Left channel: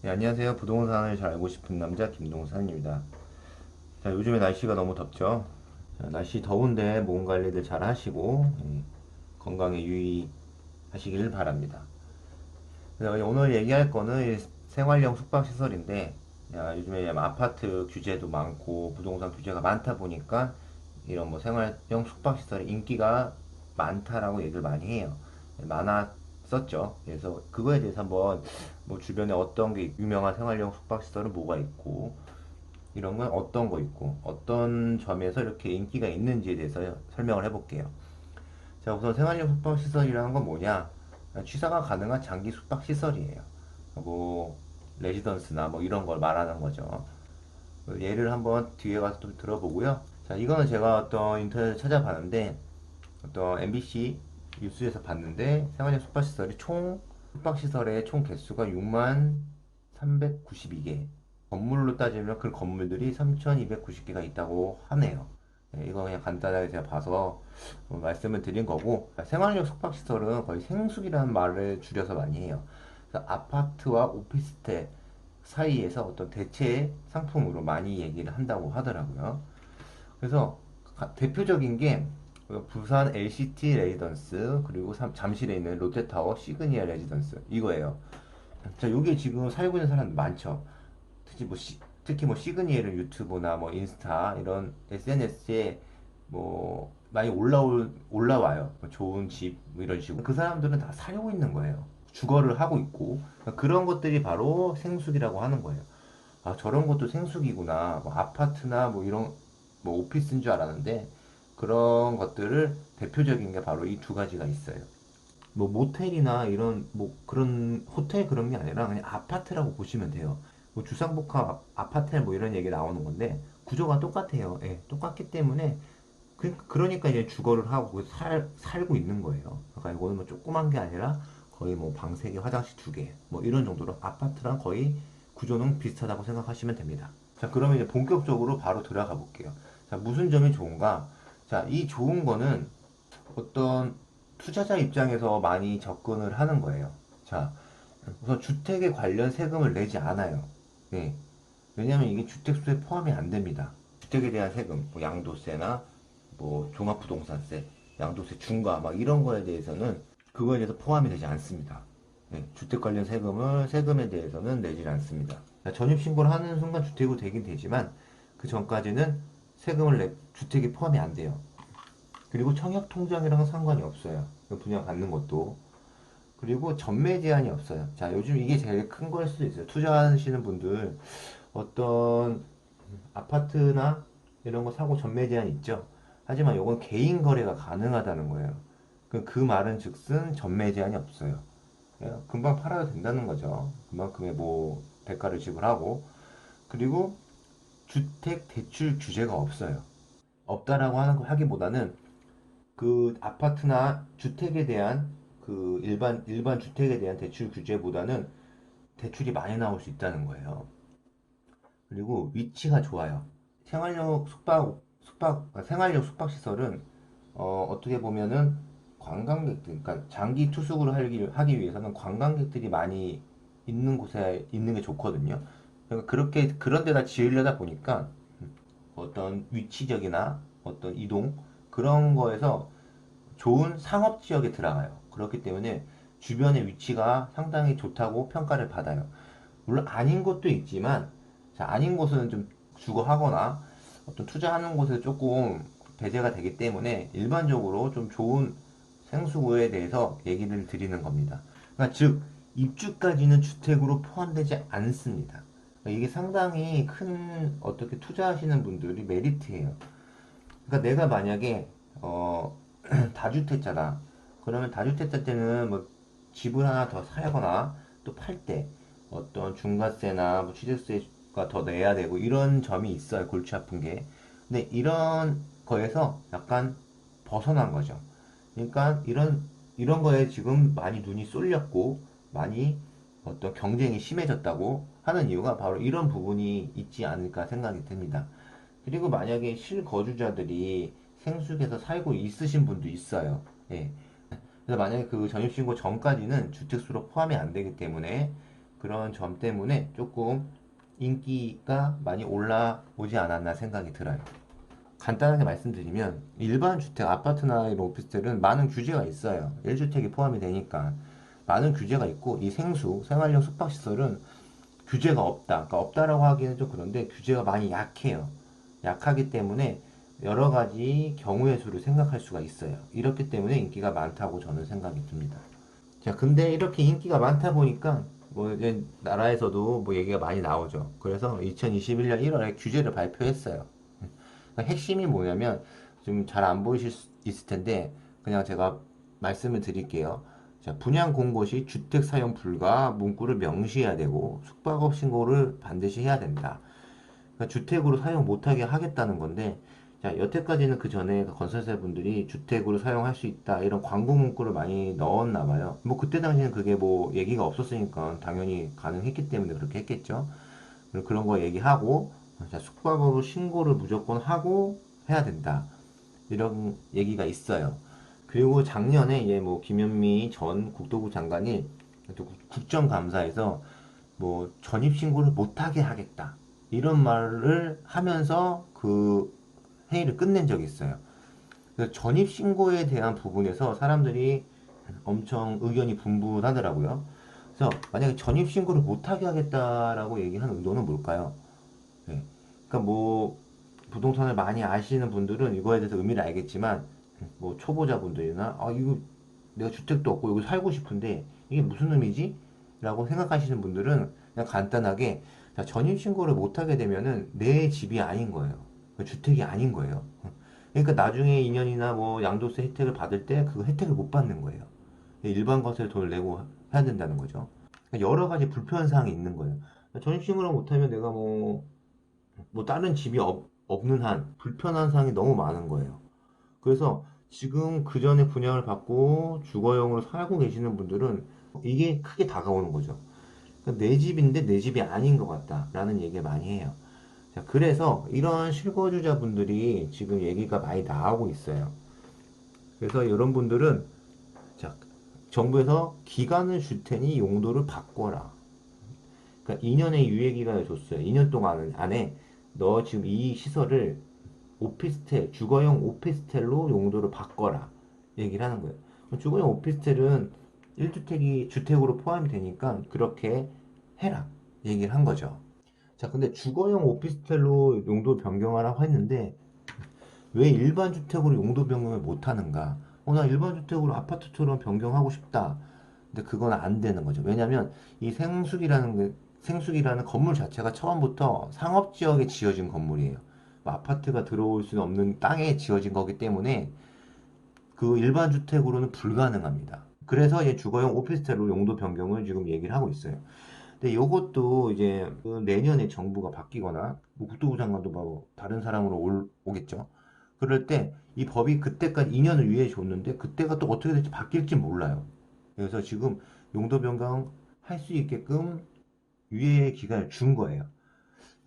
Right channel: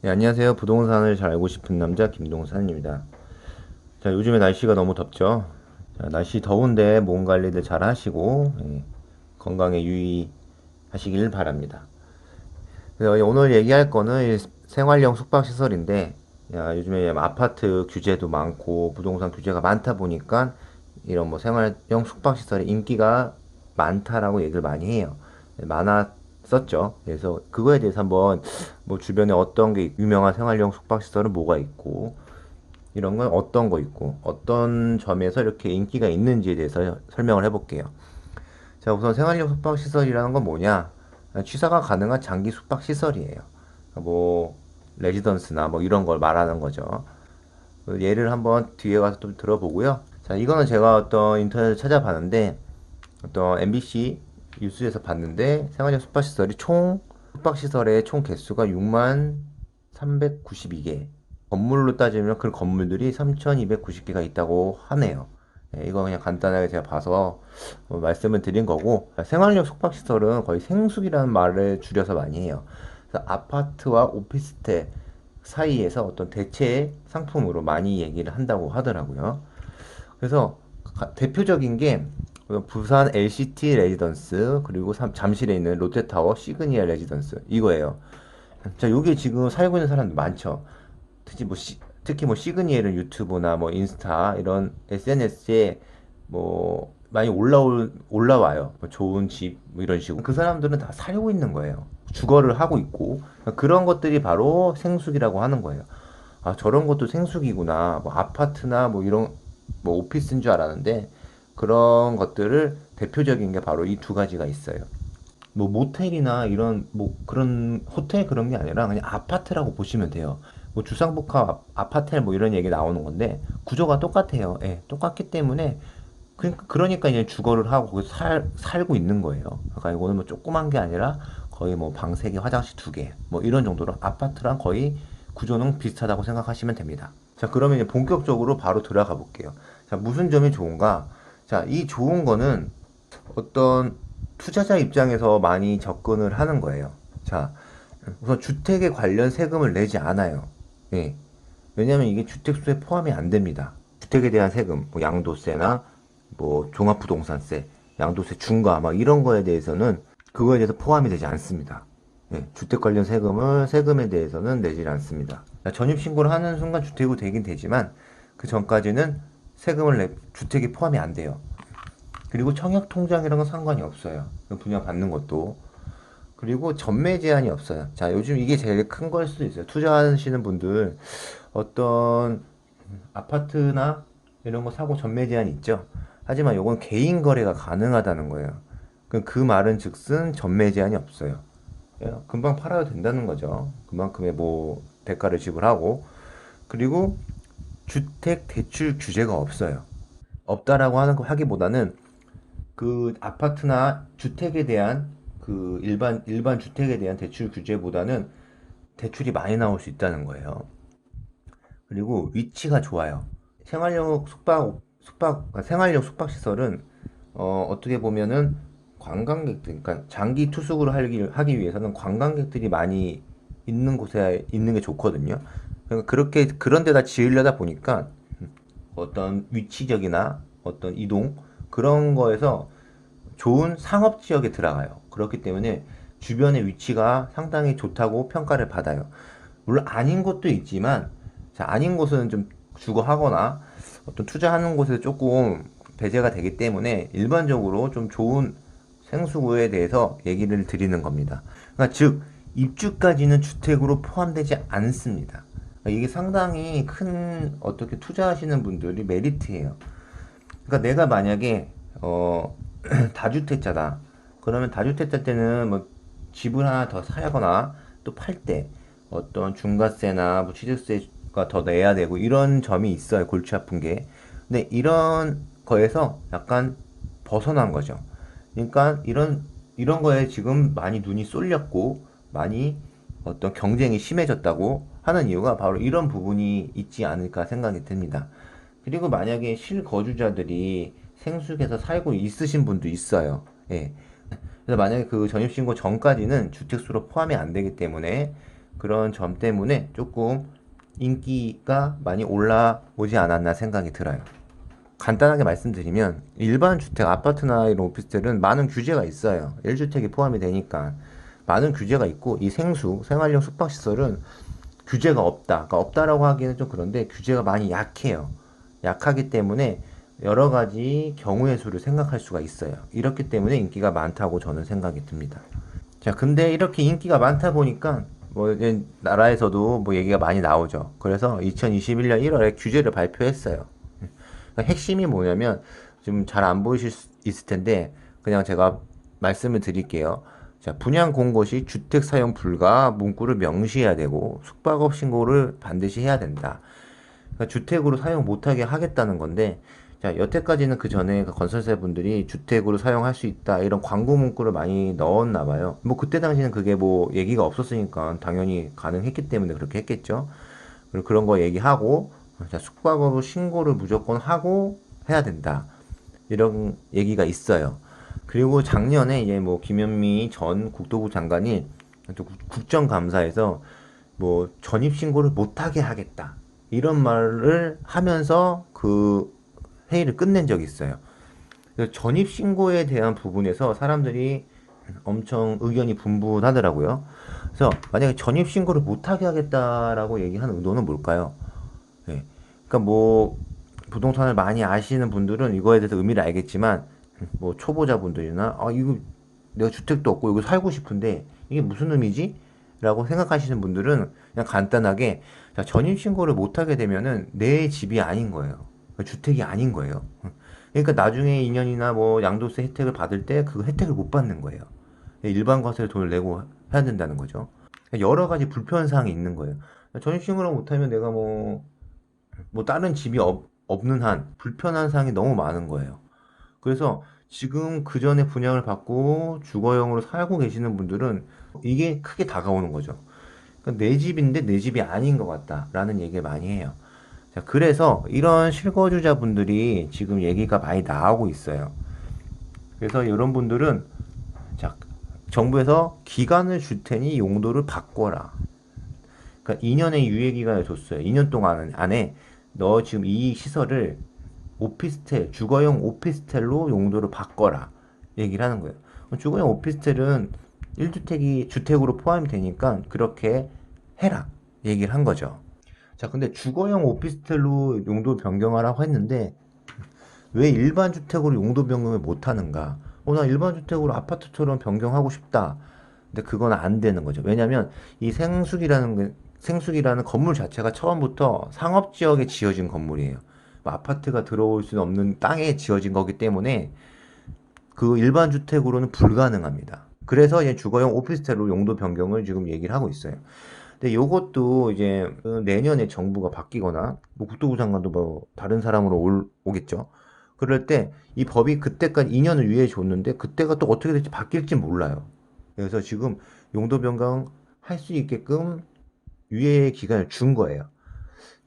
네, 안녕하세요. 부동산을 잘 알고 싶은 남자 김동산입니다. 자, 요즘에 날씨가 너무 덥죠? 자, 날씨 더운데 몸 관리들 잘 하시고 건강에 유의하시길 바랍니다. 그래서 오늘 얘기할 거는 이 생활형 숙박시설인데 요즘에 아파트 규제도 많고 부동산 규제가 많다 보니까 이런 뭐 생활형 숙박시설의 인기가 많다라고 얘기를 많이 해요. 많았었죠. 그래서 그거에 대해서 한번 뭐 주변에 어떤 게 유명한 생활형 숙박시설은 뭐가 있고 이런 건 어떤 거 있고 어떤 점에서 이렇게 인기가 있는지에 대해서 설명을 해볼게요. 자, 우선 생활형 숙박시설이라는 건 뭐냐? 취사가 가능한 장기 숙박시설이에요. 뭐, 레지던스나 뭐 이런 걸 말하는 거죠. 그 예를 한번 뒤에 가서 좀 들어보고요. 자, 이거는 제가 어떤 인터넷을 찾아봤는데, 어떤 MBC 뉴스에서 봤는데, 생활형 숙박시설이 숙박시설의 총 개수가 6만 392개. 건물로 따지면 그 건물들이 3,290개가 있다고 하네요. 네, 이거 그냥 간단하게 제가 봐서 말씀을 드린 거고, 생활용 숙박시설은 거의 생숙이라는 말을 줄여서 많이 해요. 그래서 아파트와 오피스텔 사이에서 어떤 대체 상품으로 많이 얘기를 한다고 하더라고요. 그래서 대표적인 게 부산 LCT 레지던스 그리고 잠실에 있는 롯데타워 시그니아 레지던스 이거예요. 자, 여기 지금 살고 있는 사람들 많죠. 특히 뭐 시그니엘은 유튜브나 뭐 인스타 이런 SNS에 뭐 많이 올라와요. 뭐 좋은 집, 뭐 이런 식으로. 그 사람들은 다 살고 있는 거예요. 주거를 하고 있고. 그런 것들이 바로 생숙이라고 하는 거예요. 아, 저런 것도 생숙이구나. 뭐 아파트나 뭐 이런, 뭐 오피스인 줄 알았는데, 그런 것들을 대표적인 게 바로 이 두 가지가 있어요. 뭐 모텔이나 이런 뭐 그런 호텔 그런 게 아니라 그냥 아파트라고 보시면 돼요. 뭐 주상복합 아파트 뭐 이런 얘기 나오는 건데 구조가 똑같아요. 예, 똑같기 때문에 그러니까 이제 주거를 하고 거기서 살고 있는 거예요. 그러니까 이거는 뭐 조그만 게 아니라 거의 뭐 방 3개, 화장실 2개 뭐 이런 정도로 아파트랑 거의 구조는 비슷하다고 생각하시면 됩니다. 자, 그러면 이제 본격적으로 바로 들어가 볼게요. 자, 무슨 점이 좋은가? 자, 이 좋은 거는 어떤 투자자 입장에서 많이 접근을 하는 거예요. 자, 우선 주택에 관련 세금을 내지 않아요. 예. 왜냐하면 이게 주택수에 포함이 안 됩니다. 주택에 대한 세금, 뭐 양도세나 뭐 종합부동산세, 양도세 중과 막 이런 거에 대해서는 그거에 대해서 포함이 되지 않습니다. 예, 주택 관련 세금에 대해서는 내지 않습니다. 전입신고를 하는 순간 주택으로 되긴 되지만 그 전까지는 주택이 포함이 안 돼요. 그리고 청약 통장이랑은 상관이 없어요. 분양 받는 것도. 그리고 전매 제한이 없어요. 자, 요즘 이게 제일 큰 걸 수도 있어요. 투자하시는 분들 어떤 아파트나 이런 거 사고 전매 제한이 있죠. 하지만 이건 개인 거래가 가능하다는 거예요. 그 말은 즉슨 전매 제한이 없어요. 예, 금방 팔아도 된다는 거죠. 그만큼의 뭐 대가를 지불하고 그리고 주택 대출 규제가 없어요. 없다라고 하기보다는 그 아파트나 주택에 대한 그 일반 주택에 대한 대출 규제보다는 대출이 많이 나올 수 있다는 거예요. 그리고 위치가 좋아요. 생활용 생활용 숙박 시설은 어떻게 보면은 관광객들, 그러니까 장기 투숙을 하기 위해서는 관광객들이 많이 있는 곳에 있는 게 좋거든요. 그러니까 그런 데다 지으려다 보니까 어떤 위치적이나 어떤 이동 그런 거에서 좋은 상업 지역에 들어가요. 그렇기 때문에 주변의 위치가 상당히 좋다고 평가를 받아요. 물론 아닌 곳도 있지만, 자, 아닌 곳은 좀 주거하거나 어떤 투자하는 곳에 조금 배제가 되기 때문에 일반적으로 좀 좋은 생수구에 대해서 얘기를 드리는 겁니다. 그러니까 즉, 입주까지는 주택으로 포함되지 않습니다. 그러니까 이게 상당히 큰 어떻게 투자하시는 분들이 메리트예요. 그러니까 내가 만약에 다주택자다. 그러면 다주택자 때는 뭐 집을 하나 더 사거나 또 팔 때 어떤 중과세나 뭐 취득세가 더 내야 되고 이런 점이 있어요. 골치 아픈 게. 근데 이런 거에서 약간 벗어난 거죠. 그러니까 이런 거에 지금 많이 눈이 쏠렸고 많이 어떤 경쟁이 심해졌다고 하는 이유가 바로 이런 부분이 있지 않을까 생각이 듭니다. 그리고 만약에 실거주자들이 생숙에서 살고 있으신 분도 있어요. 예. 그래서 만약에 그 전입신고 전까지는 주택수로 포함이 안 되기 때문에 그런 점 때문에 조금 인기가 많이 올라오지 않았나 생각이 들어요. 간단하게 말씀드리면 일반 주택, 아파트나 이런 오피스텔은 많은 규제가 있어요. 1주택이 포함이 되니까 많은 규제가 있고 이 생수, 생활용 숙박시설은 규제가 없다. 그러니까 없다라고 하기는 좀 그런데 규제가 많이 약해요. 약하기 때문에 여러 가지 경우의 수를 생각할 수가 있어요. 이렇기 때문에 인기가 많다고 저는 생각이 듭니다. 자, 근데 이렇게 인기가 많다 보니까 뭐 이제 나라에서도 뭐 얘기가 많이 나오죠. 그래서 2021년 1월에 규제를 발표했어요. 그러니까 핵심이 뭐냐면 좀 잘 안 보이실 수 있을 텐데 그냥 제가 말씀을 드릴게요. 자, 분양 공고 시 주택 사용 불가 문구를 명시해야 되고 숙박업 신고를 반드시 해야 된다. 그러니까 주택으로 사용 못하게 하겠다는 건데, 자, 여태까지는 그 전에 그 건설사 분들이 주택으로 사용할 수 있다 이런 광고 문구를 많이 넣었나 봐요. 뭐 그때 당시는 그게 뭐 얘기가 없었으니까 당연히 가능했기 때문에 그렇게 했겠죠. 그리고 그런 거 얘기하고, 자, 숙박업을 신고를 무조건 하고 해야 된다. 이런 얘기가 있어요. 그리고 작년에 이제 뭐 김현미 전 국토부 장관이 또 국정감사에서 뭐 전입신고를 못하게 하겠다. 이런 말을 하면서 그 회의를 끝낸 적이 있어요. 전입신고에 대한 부분에서 사람들이 엄청 의견이 분분하더라고요. 그래서 만약에 전입신고를 못하게 하겠다라고 얘기하는 의도는 뭘까요? 네. 그러니까 뭐 부동산을 많이 아시는 분들은 이거에 대해서 의미를 알겠지만 뭐 초보자분들이나 아 이거 내가 주택도 없고 이거 살고 싶은데 이게 무슨 의미지? 라고 생각하시는 분들은 그냥 간단하게 자, 전입신고를 못하게 되면은 내 집이 아닌 거예요. 주택이 아닌 거예요. 그러니까 나중에 2년이나 뭐 양도세 혜택을 받을 때 그 혜택을 못 받는 거예요. 일반 과세를 돈을 내고 해야 된다는 거죠. 여러 가지 불편사항이 있는 거예요. 전입신고를 못하면 내가 뭐 다른 집이 없는 한 불편한 사항이 너무 많은 거예요. 그래서 지금 그 전에 분양을 받고 주거용으로 살고 계시는 분들은 이게 크게 다가오는 거죠. 그러니까 내 집인데 내 집이 아닌 것 같다라는 얘기를 많이 해요. 자, 그래서 이런 실거주자분들이 지금 얘기가 많이 나오고 있어요. 그래서 이런 분들은 자, 정부에서 기간을 줄 테니 용도를 바꿔라. 그러니까 2년의 유예 기간을 줬어요. 2년 동안 안에 너 지금 이 시설을 오피스텔, 주거용 오피스텔로 용도를 바꿔라. 얘기를 하는 거예요. 주거용 오피스텔은 1주택이 주택으로 포함이 되니까 그렇게 해라. 얘기를 한 거죠. 자, 근데 주거용 오피스텔로 용도 변경하라고 했는데 왜 일반 주택으로 용도 변경을 못 하는가? 나 일반 주택으로 아파트처럼 변경하고 싶다. 근데 그건 안 되는 거죠. 왜냐면 이 생숙이라는 건물 자체가 처음부터 상업지역에 지어진 건물이에요. 뭐 아파트가 들어올 수는 없는 땅에 지어진 거기 때문에 그 일반 주택으로는 불가능합니다. 그래서 이제 주거용 오피스텔로 용도 변경을 지금 얘기를 하고 있어요. 근데 요것도 이제 그 내년에 정부가 바뀌거나 뭐 국토부 장관도 뭐 다른 사람으로 오겠죠. 그럴 때 이 법이 그때까지 2년을 유예해 줬는데 그때가 또 어떻게 될지 바뀔지 몰라요. 그래서 지금 용도 변경 할 수 있게끔 유예 기간을 준 거예요.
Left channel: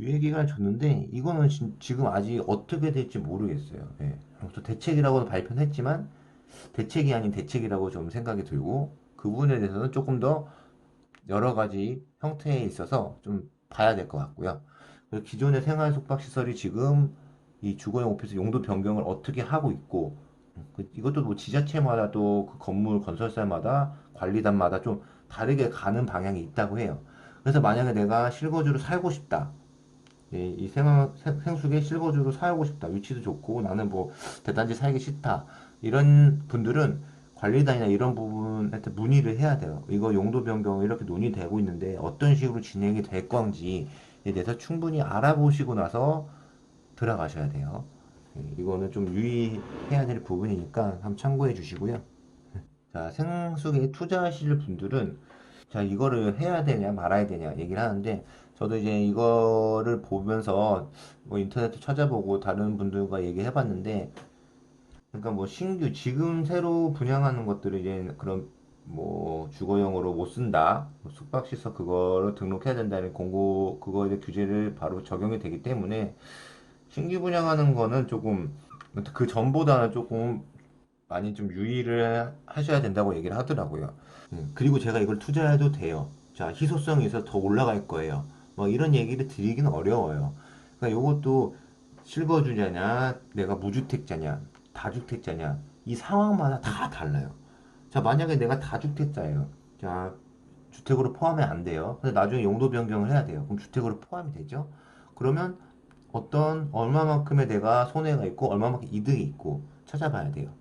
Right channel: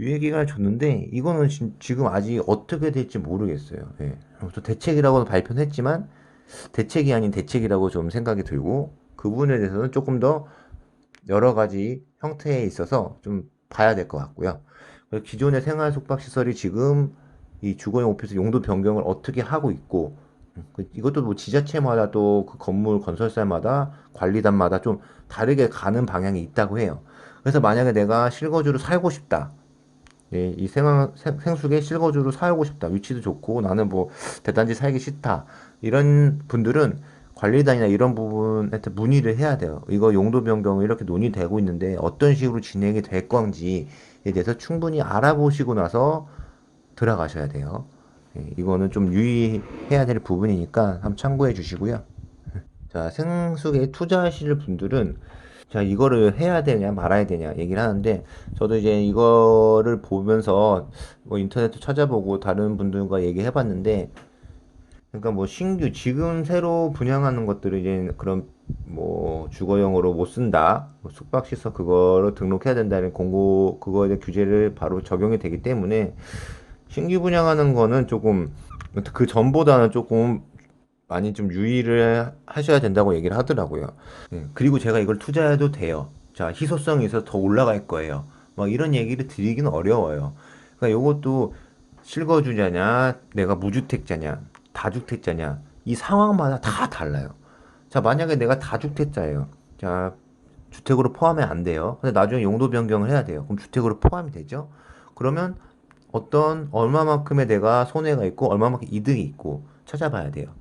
유예 기간을 줬는데 이거는 지금 아직 어떻게 될지 모르겠어요. 예. 또 대책이라고도 발표는 했지만 대책이 아닌 대책이라고 좀 생각이 들고 그 부분에 대해서는 조금 더 여러 가지 형태에 있어서 좀 봐야 될 것 같고요. 그리고 기존의 생활 숙박 시설이 지금 이 주거용 오피스 용도 변경을 어떻게 하고 있고 이것도 뭐 지자체마다 또 그 건물 건설사마다 관리단마다 좀 다르게 가는 방향이 있다고 해요. 그래서 만약에 내가 실거주로 살고 싶다. 예, 이 생숙에 실거주로 살고 싶다. 위치도 좋고 나는 뭐 대단지 살기 싫다. 이런 분들은 관리단이나 이런 부분한테 문의를 해야 돼요. 이거 용도 변경 이렇게 논의되고 있는데 어떤 식으로 진행이 될 건지에 대해서 충분히 알아보시고 나서 들어가셔야 돼요. 예, 이거는 좀 유의해야 될 부분이니까 한번 참고해 주시고요. 자, 생숙에 투자하실 분들은 자, 이거를 해야 되냐 말아야 되냐 얘기를 하는데 저도 이제 이거를 보면서 뭐 인터넷도 찾아보고 다른 분들과 얘기해 봤는데 그러니까 뭐 신규 지금 새로 분양하는 것들을 이제 그런 뭐 주거용으로 못 쓴다 뭐 숙박시설 그거를 등록해야 된다는 공고 그거에 대한 규제를 바로 적용이 되기 때문에 신규 분양하는 거는 조금 그 전보다는 조금 많이 좀 유의를 하셔야 된다고 얘기를 하더라고요. 그리고 제가 이걸 투자해도 돼요. 자, 희소성이 있어서 더 올라갈 거예요. 막 이런 얘기를 드리기는 어려워요. 그러니까 요것도 실거주자냐, 내가 무주택자냐, 다주택자냐, 이 상황마다 다 달라요. 자, 만약에 내가 다주택자예요. 자, 주택으로 포함이 안 돼요. 근데 나중에 용도 변경을 해야 돼요. 그럼 주택으로 포함이 되죠? 그러면 어떤 얼마만큼의 내가 손해가 있고 얼마만큼 이득이 있고 찾아봐야 돼요.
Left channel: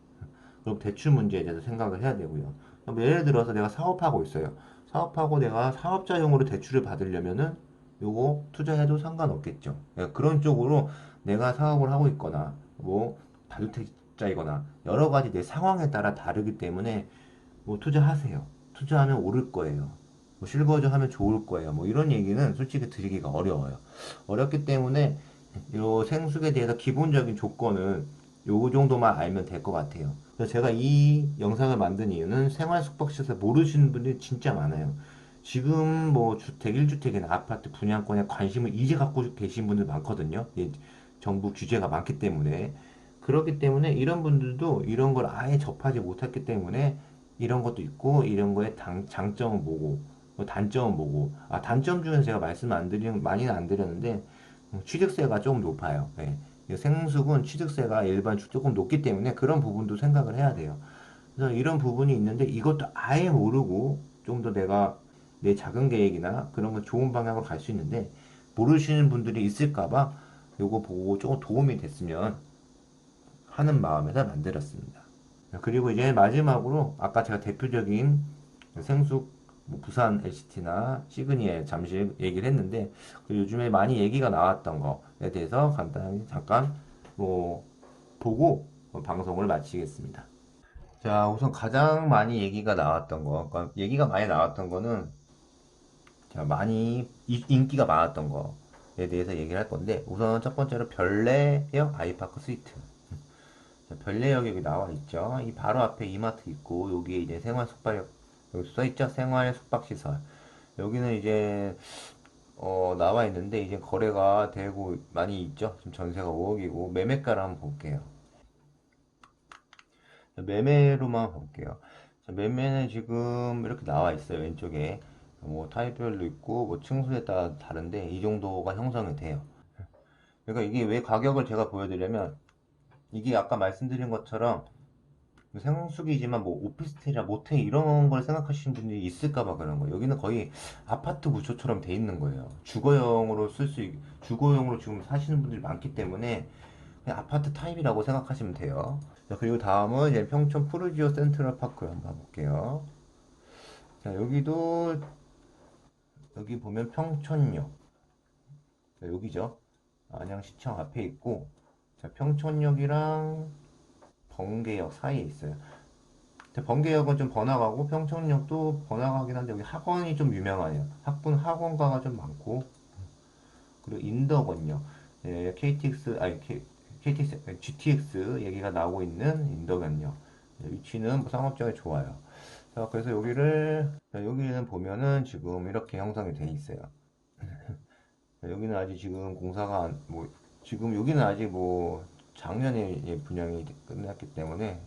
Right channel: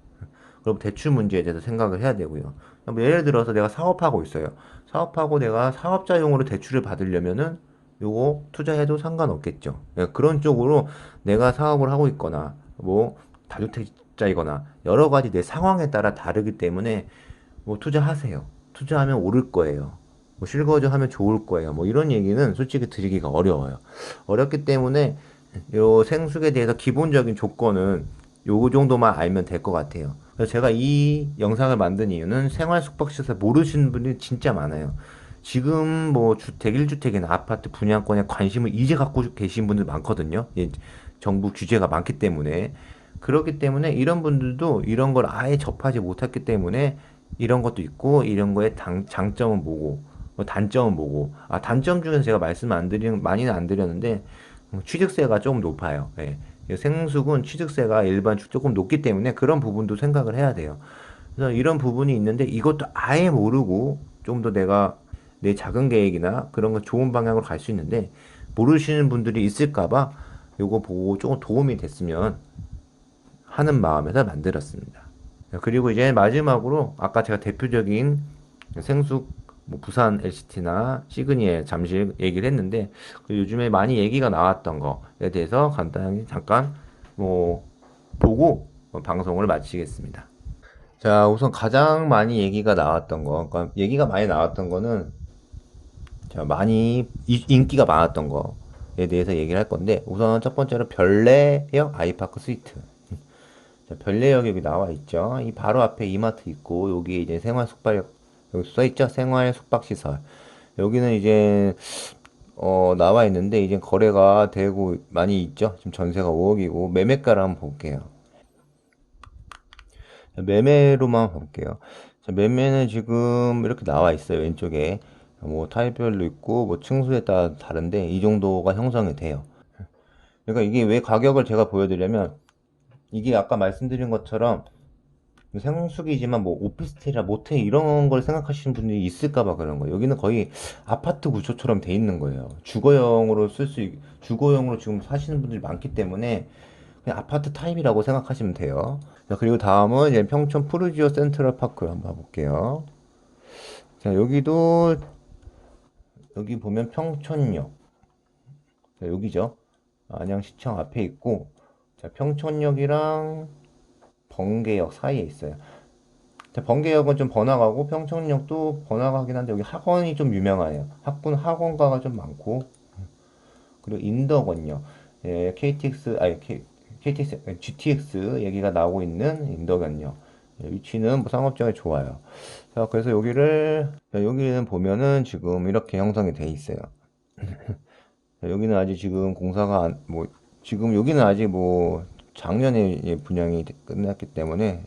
그리고 대출 문제에 대해서 생각을 해야 되고요. 뭐 예를 들어서 내가 사업하고 있어요. 사업하고 내가 사업자용으로 대출을 받으려면은 요거 투자해도 상관없겠죠. 예, 그런 쪽으로 내가 사업을 하고 있거나 뭐 다주택자이거나 여러 가지 내 상황에 따라 다르기 때문에 뭐 투자하세요. 투자하면 오를 거예요. 뭐 실거주 하면 좋을 거예요. 뭐 이런 얘기는 솔직히 드리기가 어려워요. 어렵기 때문에 요 생숙에 대해서 기본적인 조건은 요 정도만 알면 될 것 같아요. 그래서 제가 이 영상을 만든 이유는 생활 숙박시설 모르시는 분들이 진짜 많아요. 지금 뭐 주택, 1주택이나 아파트 분양권에 관심을 이제 갖고 계신 분들 많거든요. 예, 정부 규제가 많기 때문에. 그렇기 때문에 이런 분들도 이런 걸 아예 접하지 못했기 때문에 이런 것도 있고 이런 거의 장점은 뭐고 뭐 단점은 뭐고 아 단점 중에서 제가 말씀 안 드리는 많이는 안 드렸는데 취득세가 조금 높아요. 예. 생숙은 취득세가 일반 조금 높기 때문에 그런 부분도 생각을 해야 돼요. 그래서 이런 부분이 있는데 이것도 아예 모르고 좀 더 내가 내 자금 계획이나 그런 거 좋은 방향으로 갈 수 있는데 모르시는 분들이 있을까봐 요거 보고 조금 도움이 됐으면 하는 마음에서 만들었습니다. 그리고 이제 마지막으로 아까 제가 대표적인 생숙 뭐 부산 LCT나 시그니에 잠시 얘기를 했는데 그 요즘에 많이 얘기가 나왔던 거에 대해서 간단히 잠깐 뭐 보고 방송을 마치겠습니다. 자, 우선 가장 많이 얘기가 나왔던 거, 그러니까 얘기가 많이 나왔던 거는 자, 많이 인기가 많았던 거에 대해서 얘기를 할 건데 우선 첫 번째로 별내역 아이파크 스위트. 자, 별내역 여기 나와 있죠. 이 바로 앞에 이마트 있고 여기 이제 생활 숙박 여기 써 있죠. 생활 숙박 시설. 여기는 이제 나와 있는데 이제 거래가 되고 많이 있죠. 지금 전세가 5억이고 매매가를 한번 볼게요. 매매로만 볼게요. 자, 매매는 지금 이렇게 나와 있어요. 왼쪽에 뭐 타입별로 있고 뭐 층수에 따라 다른데 이 정도가 형성이 돼요. 그러니까 이게 왜 가격을 제가 보여드리려면 이게 아까 말씀드린 것처럼 생숙이지만 뭐 오피스텔이나 모텔 이런 걸 생각하시는 분들이 있을까봐 그런 거예요. 여기는 거의 아파트 구조처럼 돼 있는 거예요. 주거용으로 지금 사시는 분들이 많기 때문에 그냥 아파트 타입이라고 생각하시면 돼요. 자, 그리고 다음은 이제 평촌 푸르지오 센트럴 파크 한번 볼게요. 자, 여기 보면 평촌역. 자, 여기죠. 안양시청 앞에 있고, 자, 평촌역이랑 번개역 사이에 있어요. 자, 번개역은 좀 번화가고 평촌역도 번화가긴 한데 여기 학원이 좀 유명해요. 학원가가 좀 많고 그리고 인덕원역 예, KTX GTX 얘기가 나오고 있는 인덕원역 예, 위치는 뭐 상업적에 좋아요. 자, 그래서 여기는 보면은 지금 이렇게 형성이 돼 있어요. 자, 여기는 아직 지금 지금 여기는 아직 뭐 작년에 분양이 끝났기 때문에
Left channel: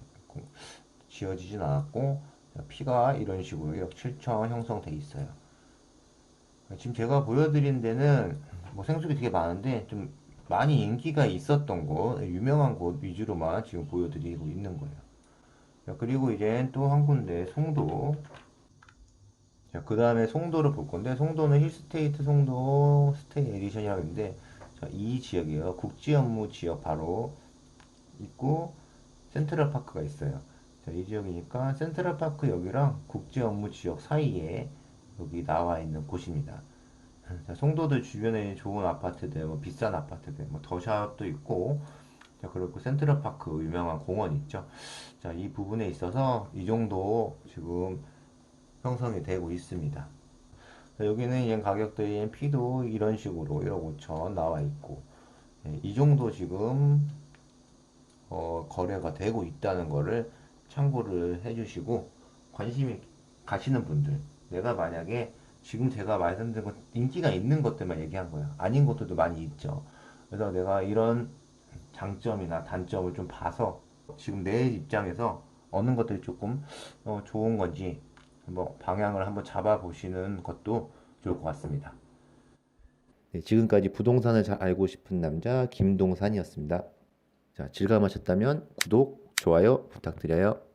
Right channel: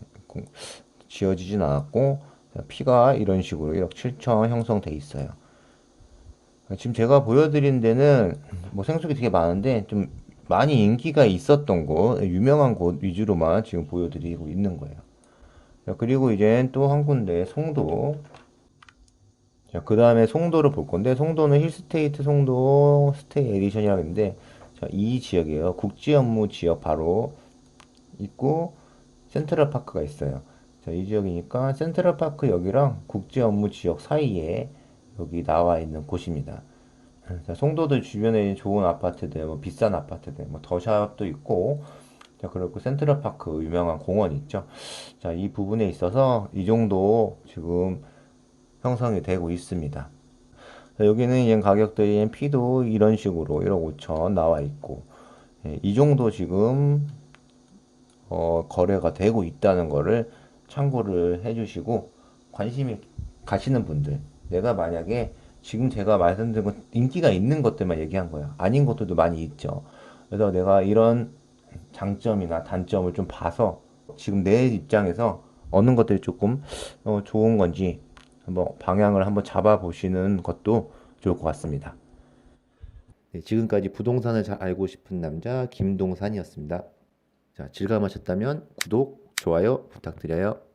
지어지진 않았고 피가 이런 식으로 1억 7천 형성돼 있어요. 지금 제가 보여드린 데는 뭐 생수기 되게 많은데 좀 많이 인기가 있었던 곳, 유명한 곳 위주로만 지금 보여드리고 있는 거예요. 자, 그리고 이제 또 한 군데 송도. 자, 그 다음에 송도를 볼 건데 송도는 힐스테이트 송도 스테이 에디션이라고 있는데 자, 이 지역이에요. 국지 업무 지역 바로 있고 센트럴파크가 있어요. 자, 이 지역이니까 센트럴파크 여기랑 국제 업무 지역 사이에 여기 나와 있는 곳입니다. 자, 송도도 주변에 좋은 아파트들, 뭐 비싼 아파트들, 뭐 더샵도 있고, 자, 그리고 센트럴파크 유명한 공원 있죠. 자, 이 부분에 있어서 이 정도 지금 형성이 되고 있습니다. 자, 여기는 이제 가격들이 P도 이런 식으로 1억 5천 나와 있고, 예, 이 정도 지금 거래가 되고 있다는 거를 참고를 해주시고 관심이 가시는 분들 내가 만약에 지금 제가 말씀드린 것 인기가 있는 것들만 얘기한 거예요. 아닌 것들도 많이 있죠. 그래서 내가 이런 장점이나 단점을 좀 봐서 지금 내 입장에서 어느 것들이 조금 좋은 건지 한번 방향을 한번 잡아 보시는 것도 좋을 것 같습니다. 네, 지금까지 부동산을 잘 알고 싶은 남자 김동산이었습니다. 자, 즐거움하셨다면 구독, 좋아요 부탁드려요.